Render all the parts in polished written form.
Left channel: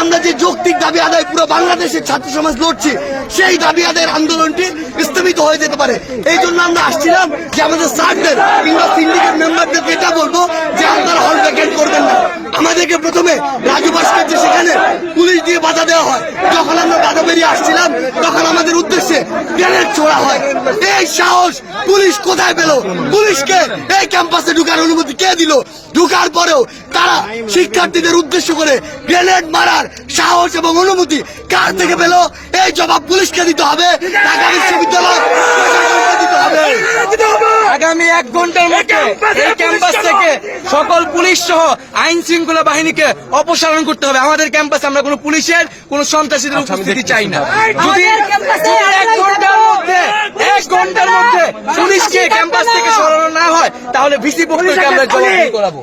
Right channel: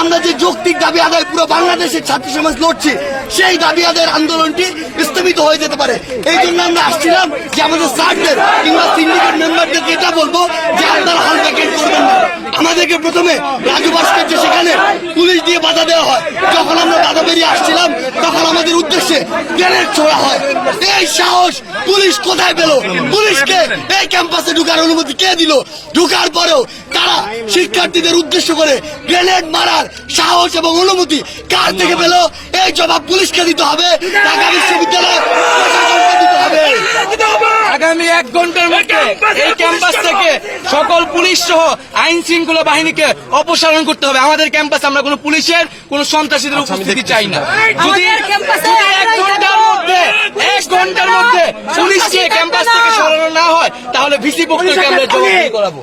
আমরা যে যৌক্তিক দাবি আদায় পুরো বাংলাদেশের ছাত্র সমাজ লড়ছি, সেই দাবি আদায়ের আন্দোলনটি স্থগিত হয়ে যেতে পারে। এই জন্য আমরা আসছিলাম যে আমাদের স্যারদের কিংবা সিন্ডিকেট মেম্বারদেরকে এটা বলবো যে আপনারা হল ভ্যাকেন্ট করবেন না। আমাদেরকে প্রথমে রাজু ভাস্কর্য সেখানে পুলিশ দিয়ে বাধা দেওয়া হয়। যখন আমরা বাধা বেরিয়ে আসছিলাম তখন আমাদের উদ্দেশ্যে গ্রেনেড ছোড়া হয়। এই সাহস পুলিশ কোথায় পেল? পুলিশকে এই ক্যাম্পাসে ঢুকার অনুমতি কে দিল? ঢুকার পরেও তারা শিক্ষার্থীদের উদ্দেশ্য করে গ্রেনেড মারার সাহস এবং অনুমতি কার থেকে পেল? এই জবাব পুলিশকে দিতে হবে, ঢাকা বিশ্ববিদ্যালয় প্রশাসনকে দিতে হবে। আগামী 1 ঘন্টার মধ্যে এই ক্যাম্পাস থেকে সকল পুলিশ সহ আইন শৃঙ্খলা বাহিনীকে অপসারণ করতে হবে। আমাদের ক্যাম্পাসে আমরা কোনো পুলিশের কোনো সন্ত্রাসীদের উপস্থিতি চাই না। যদি 1 ঘন্টার মধ্যে পুলিশকে ক্যাম্পাস থেকে সরানো না হয় তাহলে ভিসি পক্ষকে আমরা জবাবদিহি করাবো।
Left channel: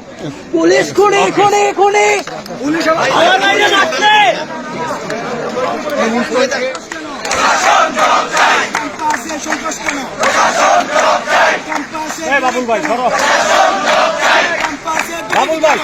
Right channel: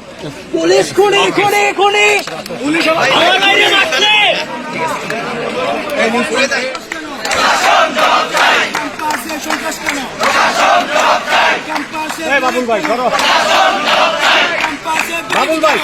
পুলিশ খুনি খুনি খুনি পুলিশ সন্ত্রাস কেন? বাবুল ভাই বাবুল ভাই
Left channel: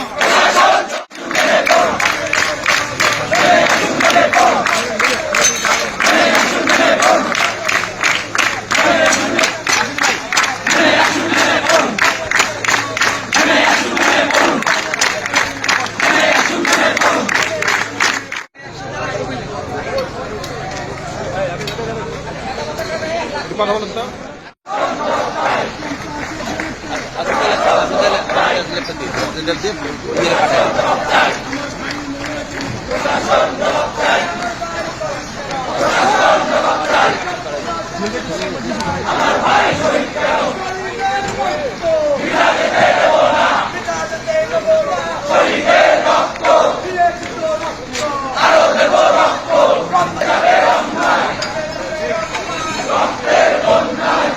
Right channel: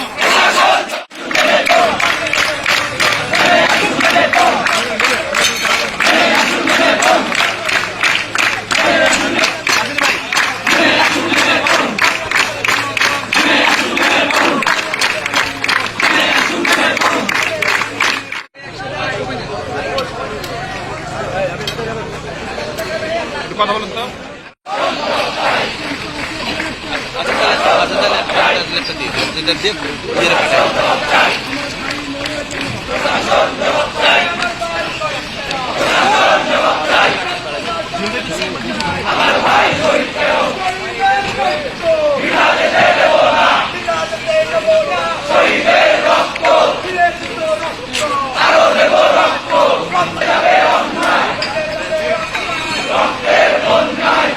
কথা বলুন তো। রক্তের বন্যায়